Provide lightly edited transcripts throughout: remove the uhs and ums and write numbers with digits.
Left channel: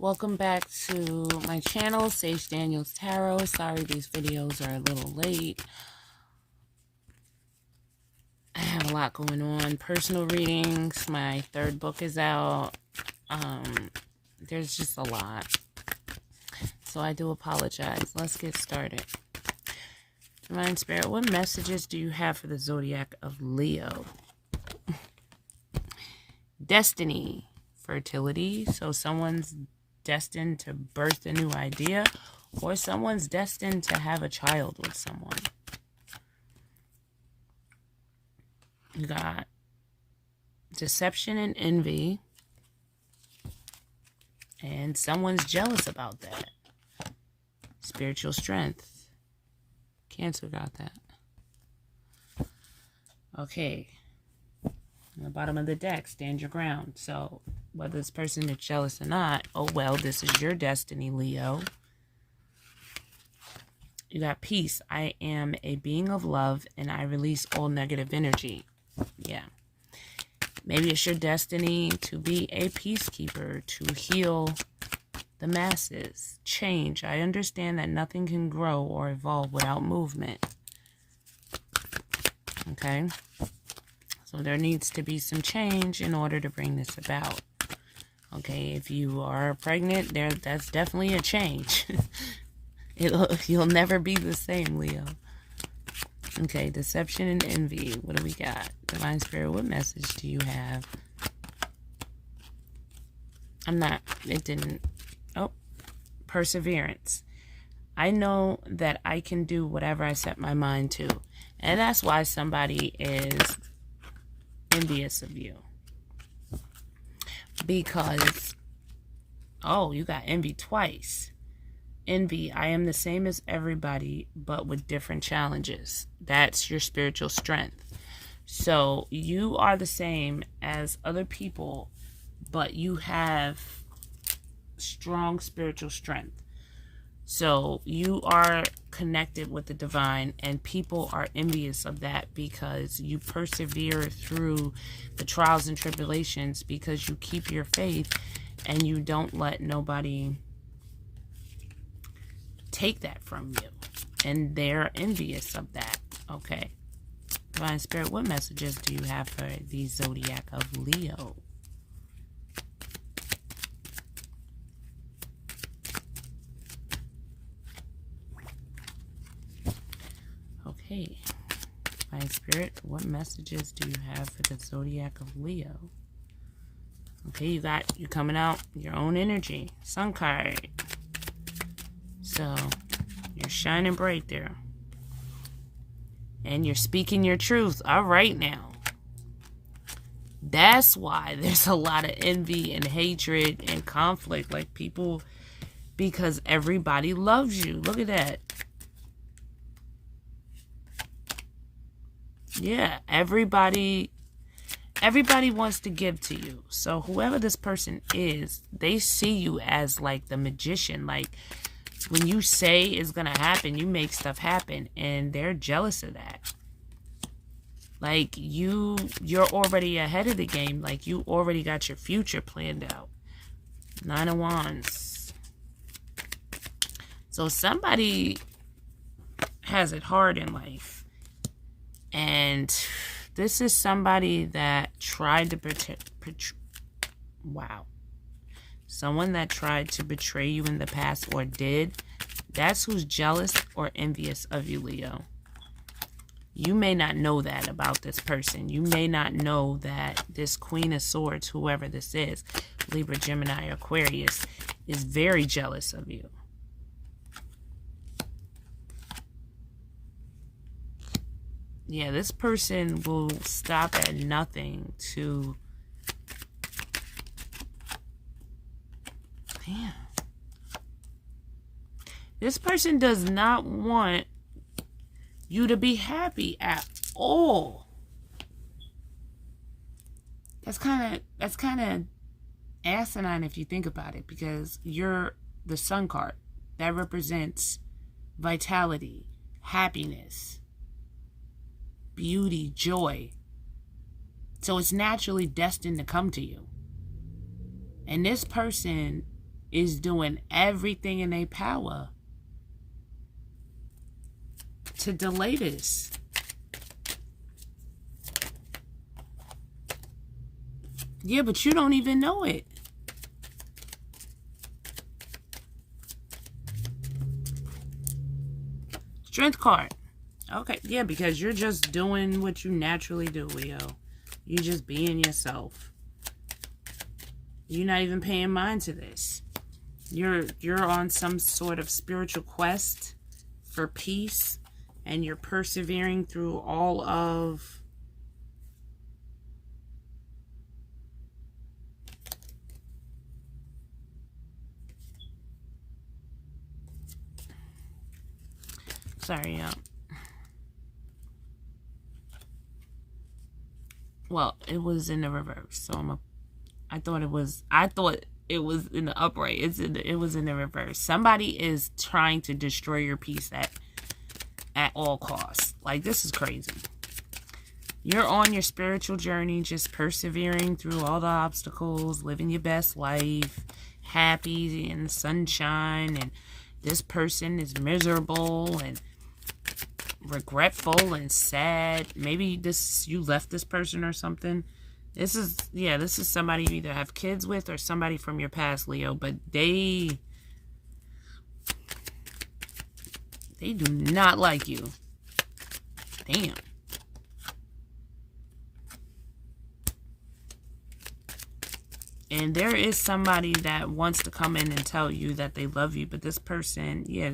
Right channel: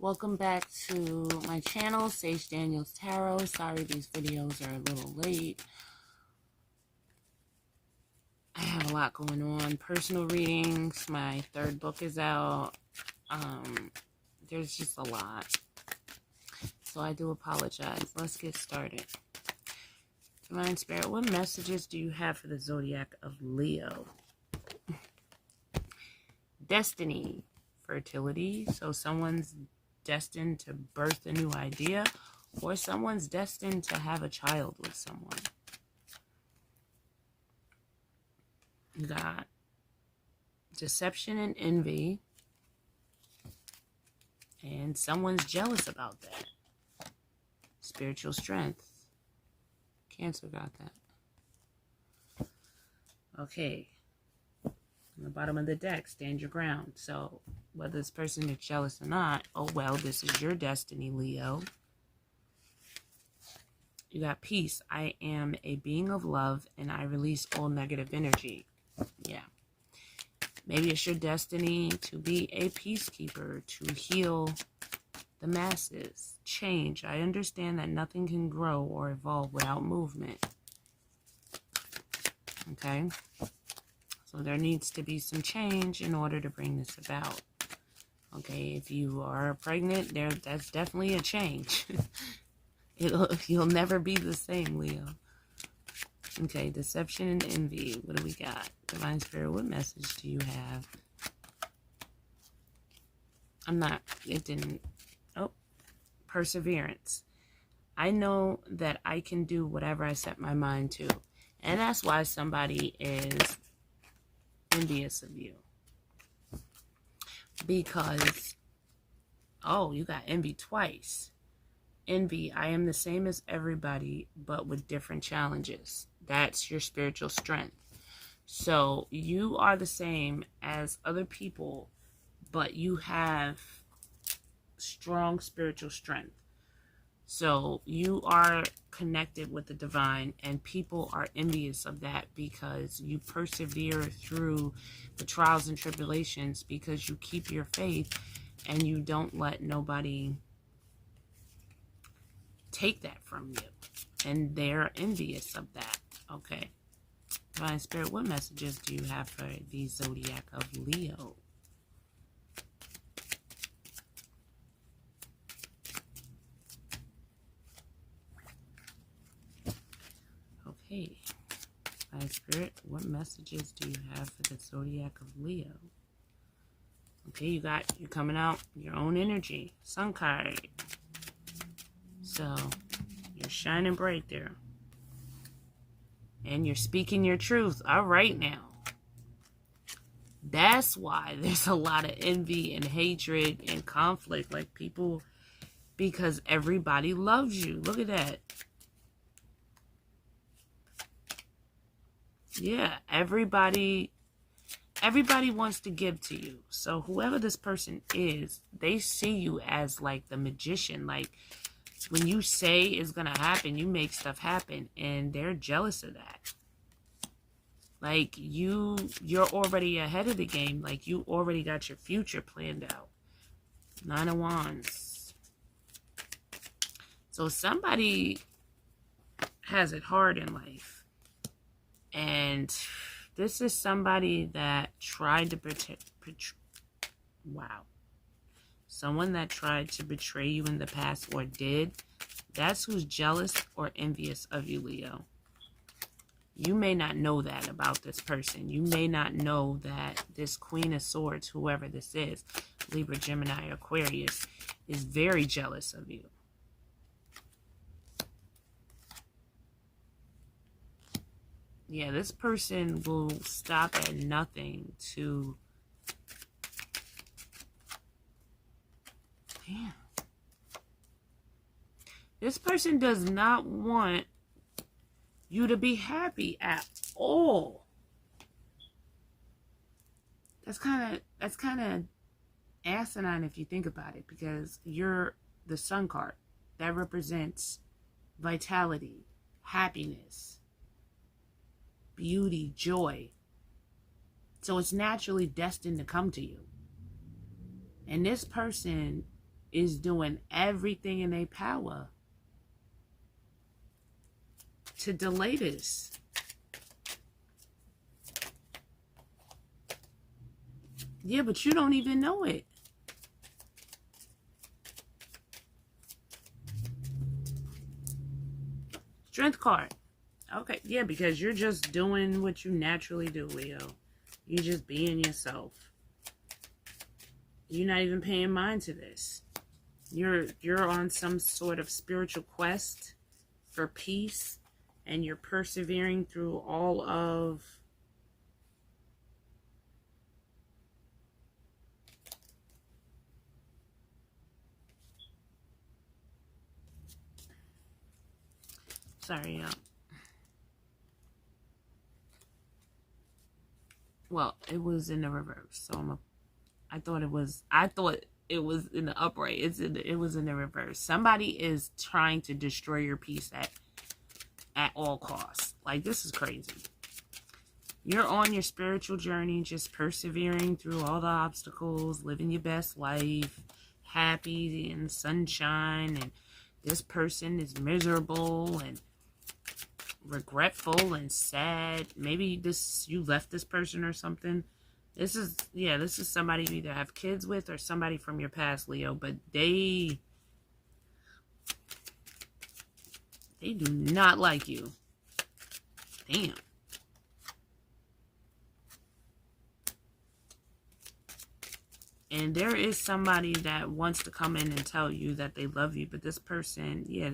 Welcome back to my channel, Sage Daniels Tarot. Sorry these videos are a little late. I have a lot going on. Personal readings. My third book is out. There's just a lot. So I do apologize. Let's get started. Divine Spirit, what messages do you have for the zodiac of Leo? Destiny. Fertility. So someone's destined to birth a new idea, or someone's destined to have a child with someone. You got deception and envy, and someone's jealous about that. Spiritual strength. Cancer got that. Okay. On the bottom of the deck, stand your ground. So whether this person is jealous or not, oh well, this is your destiny, Leo. You got peace. I am a being of love and I release all negative energy. Yeah. Maybe it's your destiny to be a peacekeeper, to heal the masses. Change. I understand that nothing can grow or evolve without movement. Okay. So there needs to be some change in order to bring this about. Okay, if you are pregnant, that's definitely a change. You'll never be the same, Leo. Okay, deception and envy. What do we got? Divine Spirit, what message do you have? Perseverance. I know that I can do whatever I set my mind to. And that's why somebody is envious of you. Because, oh, you got envy twice. Envy, I am the same as everybody, but with different challenges. That's your spiritual strength. So you are the same as other people, but you have strong spiritual strength. So you are connected with the divine, and people are envious of that because you persevere through the trials and tribulations, because you keep your faith and you don't let nobody take that from you. And they're envious of that. Okay. Divine Spirit, what messages do you have for the zodiac of Leo? Okay, my Spirit, what messages do you have for the zodiac of Leo? Okay, you're coming out your own energy. Sun card. So, you're shining bright there. And you're speaking your truth. All right now. That's why there's a lot of envy and hatred and conflict. Like people, because everybody loves you. Look at that. Yeah, everybody wants to give to you. So whoever this person is, they see you as like the magician. Like when you say it's going to happen, you make stuff happen, and they're jealous of that. Like you're already ahead of the game. Like you already got your future planned out. 9 of Wands. So somebody has it hard in life. And this is somebody that tried to someone that tried to betray you in the past, or did. That's who's jealous or envious of you, Leo. You may not know that about this person. You may not know that this Queen of Swords, whoever this is, Libra, Gemini, Aquarius, is very jealous of you. Yeah, this person will stop at nothing to... Damn. This person does not want you to be happy at all. That's kind of asinine if you think about it, because you're the Sun card. That represents vitality, happiness, beauty, joy. So it's naturally destined to come to you. And this person is doing everything in their power to delay this. Yeah, but you don't even know it. Strength card. Okay, yeah, because you're just doing what you naturally do, Leo. You're just being yourself. You're not even paying mind to this. You're on some sort of spiritual quest for peace, and you're persevering through all of sorry, well, it was in the reverse, so I thought it was in the upright. It was in the reverse. Somebody is trying to destroy your peace at all costs. Like, this is crazy. You're on your spiritual journey, just persevering through all the obstacles, living your best life, happy in the sunshine, and this person is miserable and regretful and sad. Maybe you left this person or something. This is somebody you either have kids with or somebody from your past, Leo, but they do not like you. Damn. And there is somebody that wants to come in and tell you that they love you, but this person, yeah,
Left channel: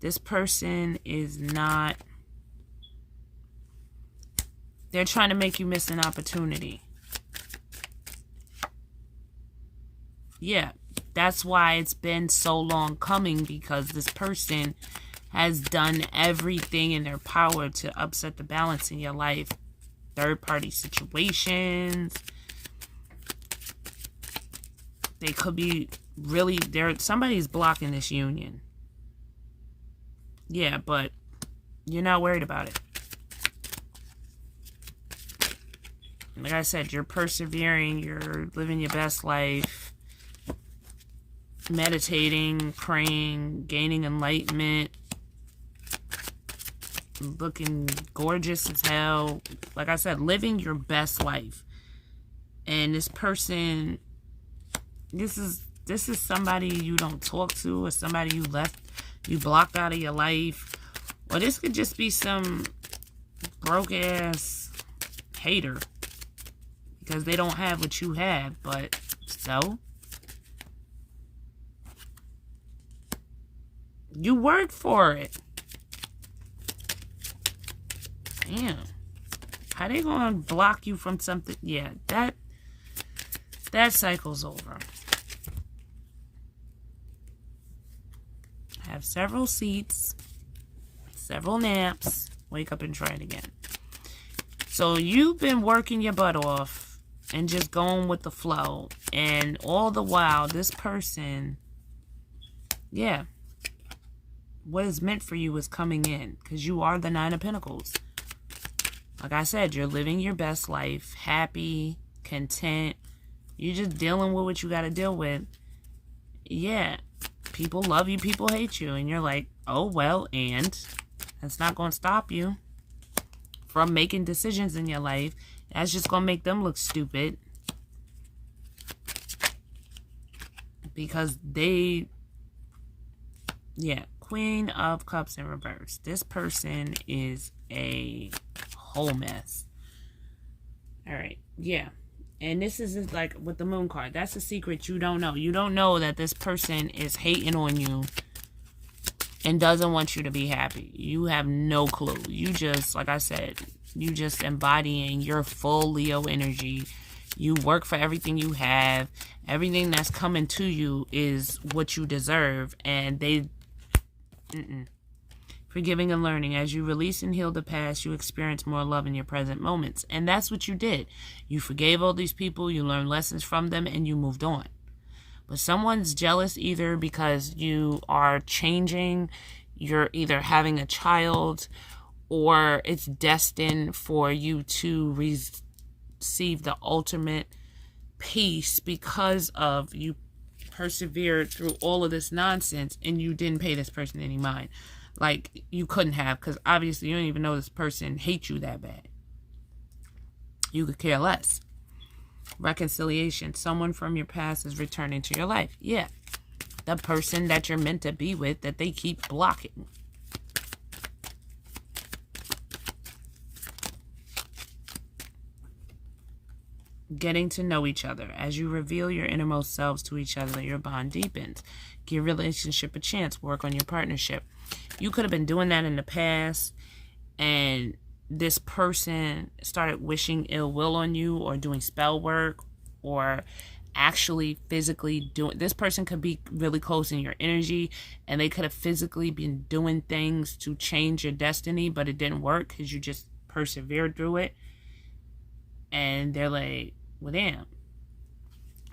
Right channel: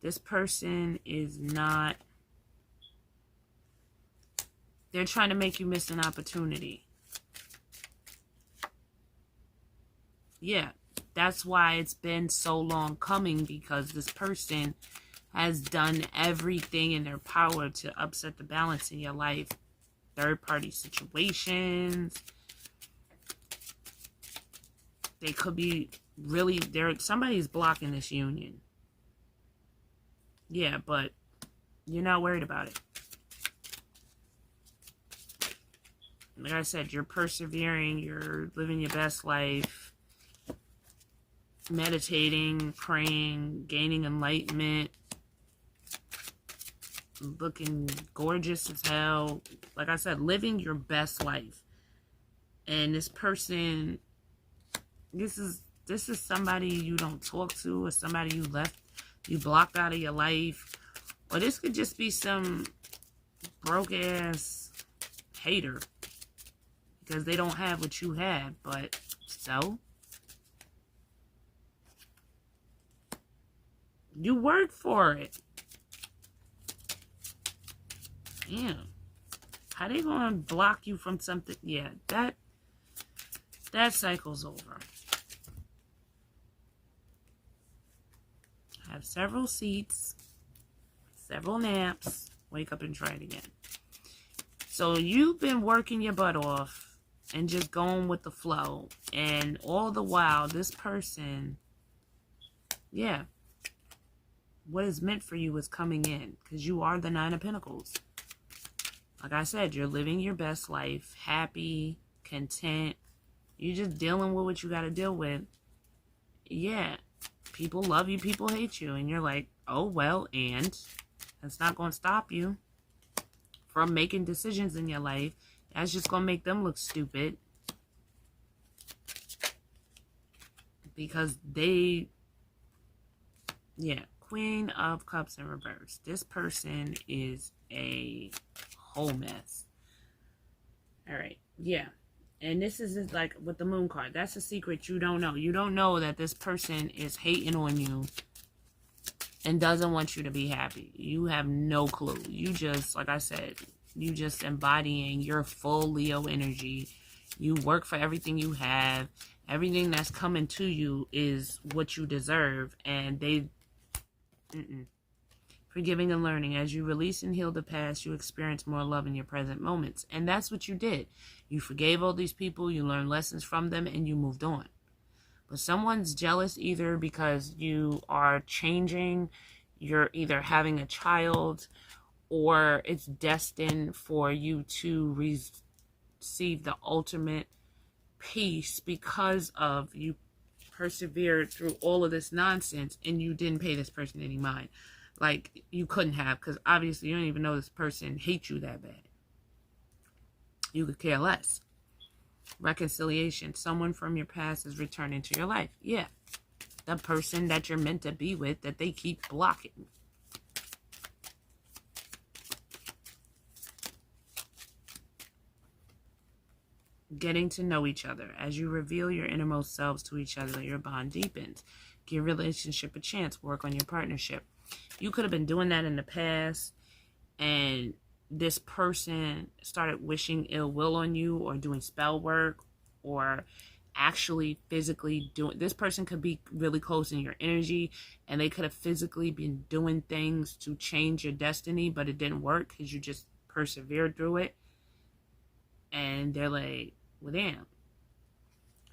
this person is not. They're trying to make you miss an opportunity. Yeah, that's why it's been so long coming, because this person has done everything in their power to upset the balance in your life. Third-party situations. They could be really there. Somebody's blocking this union. Yeah, but you're not worried about it. Like I said, you're persevering, you're living your best life, meditating, praying, gaining enlightenment, looking gorgeous as hell. Like I said, living your best life. And this person, this is somebody you don't talk to, or somebody you blocked out of your life. Or this could just be some broke ass hater, because they don't have what you have. But so you worked for it. Damn. How they gonna block you from something? Yeah, that cycle's over. Have several seats, several naps, wake up and try it again. So you've been working your butt off and just going with the flow, and all the while this person, yeah, what is meant for you is coming in, because you are the Nine of Pentacles. Like I said, you're living your best life, happy, content. You're just dealing with what you got to deal with. Yeah, people love you, people hate you, and you're like, oh well, and that's not going to stop you from making decisions in your life. That's just going to make them look stupid, because they, yeah, Queen of Cups in reverse. This person is a whole mess. All right, yeah. And this is like with the Moon card. That's a secret you don't know. You don't know that this person is hating on you and doesn't want you to be happy. You have no clue. You just, like I said, you just embodying your full Leo energy. You work for everything you have. Everything that's coming to you is what you deserve. And they... Forgiving and learning. As you release and heal the past, you experience more love in your present moments. And that's what you did. You forgave all these people, you learned lessons from them, and you moved on. But someone's jealous either because you are changing, you're either having a child, or it's destined for you to receive the ultimate peace because of you persevered through all of this nonsense and you didn't pay this person any mind. Like, you couldn't have, because obviously you don't even know this person hates you that bad. You could care less. Reconciliation. Someone from your past is returning to your life. Yeah. The person that you're meant to be with that they keep blocking. Getting to know each other. As you reveal your innermost selves to each other, your bond deepens. Give your relationship a chance. Work on your partnership. You could have been doing that in the past, and this person started wishing ill will on you, or doing spell work, or actually physically doing. This person could be really close in your energy, and they could have physically been doing things to change your destiny, but it didn't work because you just persevered through it. And they're like, well, damn,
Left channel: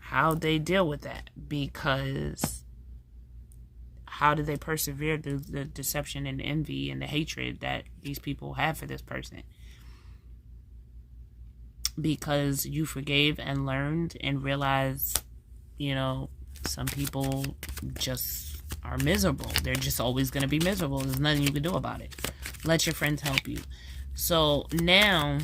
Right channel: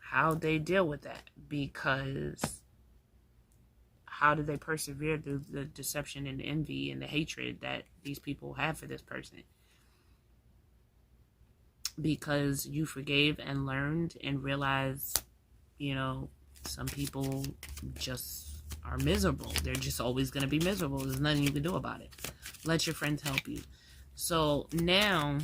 how'd they deal with that? Because how did they persevere through the deception and envy and the hatred that these people have for this person? Because you forgave and learned and realized, you know, some people just are miserable. They're just always going to be miserable. There's nothing you can do about it. Let your friends help you. So now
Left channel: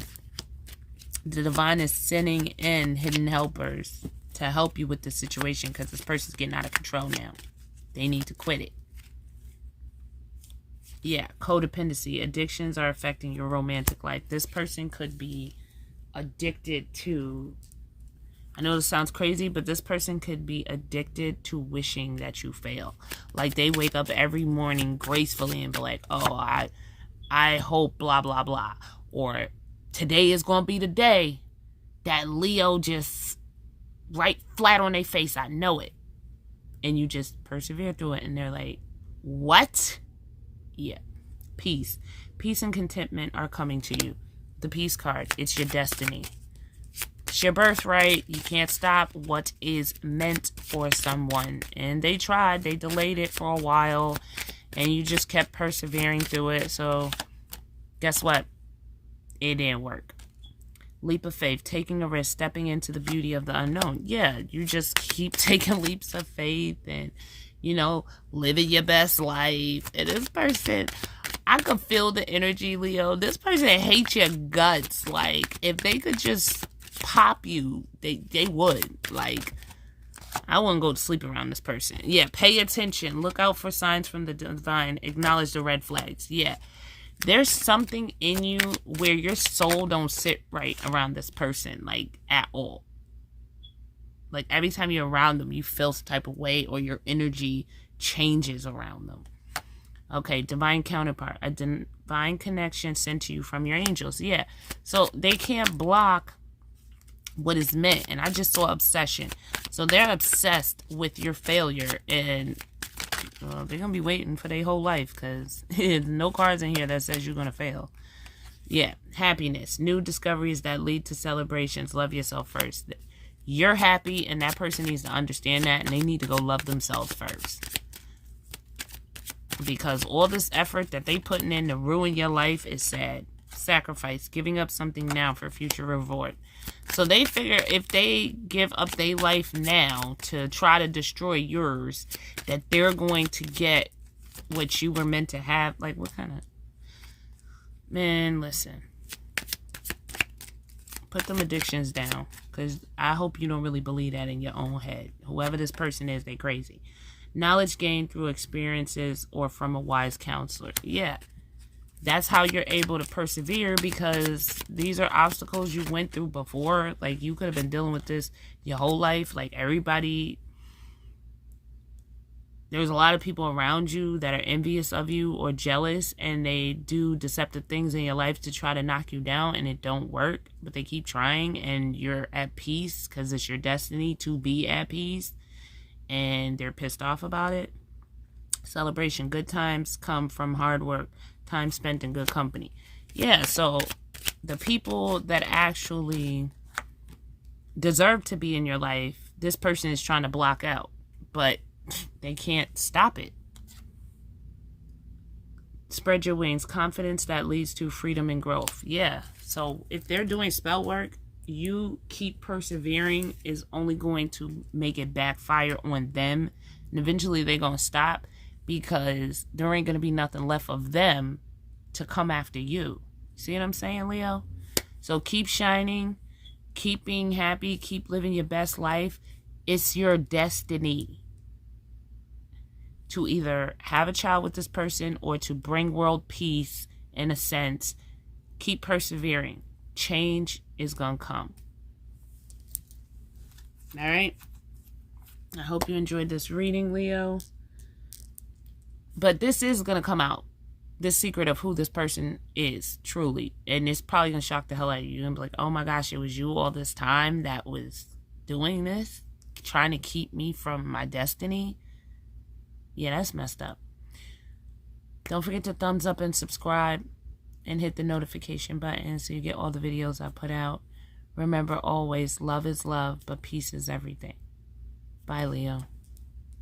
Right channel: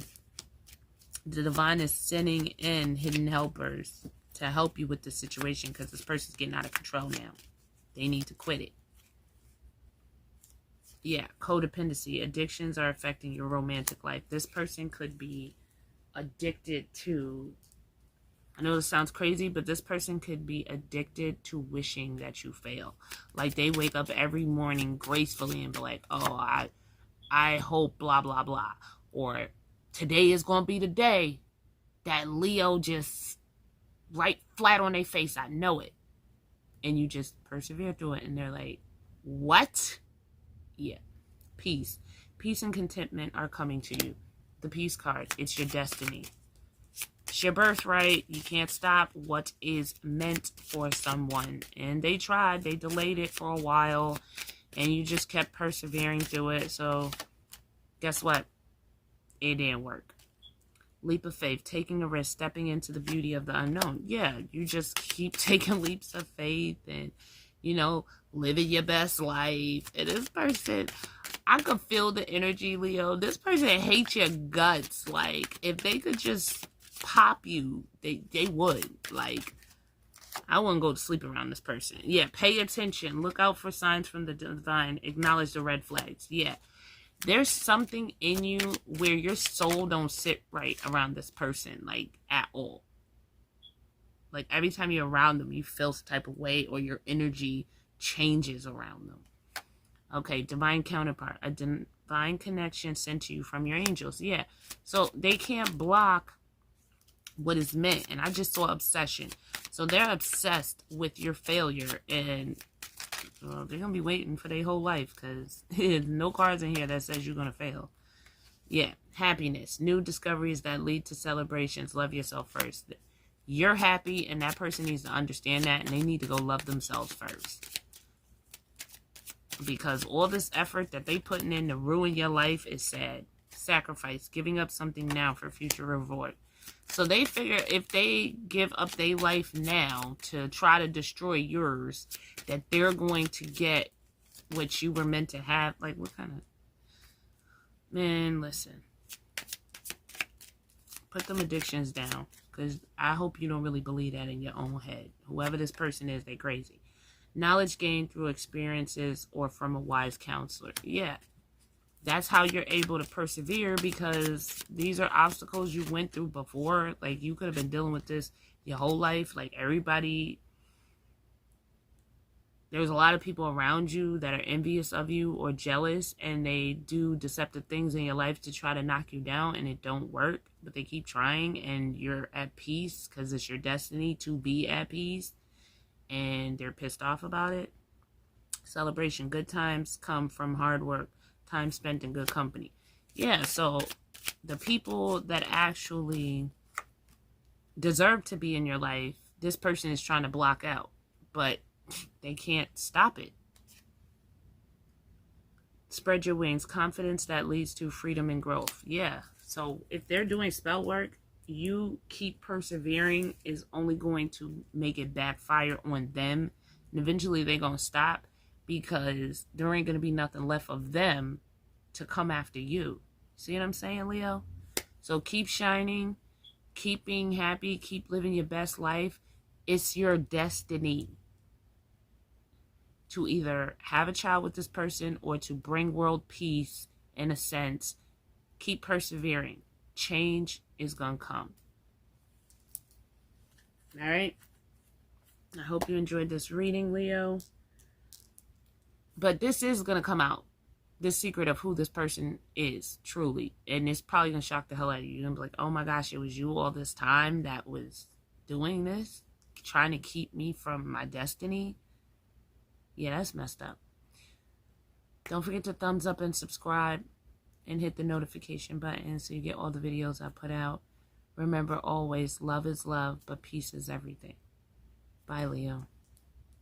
the divine is sending in hidden helpers to help you with the situation, because this person's getting out of control now. They need to quit it. Yeah, codependency. Addictions are affecting your romantic life. This person could be addicted to, I know this sounds crazy, but this person could be addicted to wishing that you fail. Like, they wake up every morning gracefully and be like, oh, I hope blah, blah, blah. Or today is going to be the day that Leo just right flat on their face. I know it. And you just persevere through it. And they're like, what? Yeah. Peace. Peace and contentment are coming to you. The peace card. It's your destiny. It's your birthright. You can't stop what is meant for someone. And they tried. They delayed it for a while. And you just kept persevering through it. So guess what? It didn't work. Leap of faith, taking a risk, stepping into the beauty of the unknown. Yeah, you just keep taking leaps of faith and, you know, living your best life. And this person, I could feel the energy, Leo. This person hates your guts. Like, if they could just pop you, they would. Like, I wouldn't go to sleep around this person. Yeah, pay attention. Look out for signs from the divine. Acknowledge the red flags. Yeah. There's something in you where your soul don't sit right around this person, like, at all. Like, every time you're around them, you feel some type of way, or your energy changes around them. Okay, divine counterpart. A divine connection sent to you from your angels. Yeah. So they can't block what is meant. And I just saw obsession. So they're obsessed with your failure, and they're going to be waiting for their whole life, because there's no cards in here that says you're going to fail. Yeah. Happiness. New discoveries that lead to celebrations. Love yourself first. You're happy, and that person needs to understand that, and they need to go love themselves first. Because all this effort that they putting in to ruin your life is sad. Sacrifice. Giving up something now for future reward. So they figure if they give up their life now to try to destroy yours, that they're going to get what you were meant to have. Like, what kind of... Man, listen. Put them addictions down. Because I hope you don't really believe that in your own head. Whoever this person is, they're crazy. Knowledge gained through experiences or from a wise counselor. Yeah. That's how you're able to persevere, because these are obstacles you went through before. Like, you could have been dealing with this your whole life. Like, everybody, there's a lot of people around you that are envious of you or jealous, and they do deceptive things in your life to try to knock you down, and it don't work, but they keep trying, and you're at peace because it's your destiny to be at peace, and they're pissed off about it. Celebration. Good times come from hard work. Time spent in good company. Yeah, so the people that actually deserve to be in your life, this person is trying to block out, but they can't stop it. Spread your wings. Confidence that leads to freedom and growth. Yeah, so if they're doing spell work you keep persevering is only going to make it backfire on them. And eventually they're going to stop because there ain't going to be nothing left of them to come after you. See what I'm saying, Leo? So keep shining, keep being happy, keep living your best life. It's your destiny to either have a child with this person or to bring world peace in a sense. Keep persevering. Change is going to come. All right? I hope you enjoyed this reading, Leo. But this is going to come out. This secret of who this person is, truly. And it's probably going to shock the hell out of you. You're going to be like, oh my gosh, it was you all this time that was doing this? Trying to keep me from my destiny? Yeah, that's messed up. Don't forget to thumbs up and subscribe. And hit the notification button so you get all the videos I put out. Remember always, love is love, but peace is everything. Bye, Leo.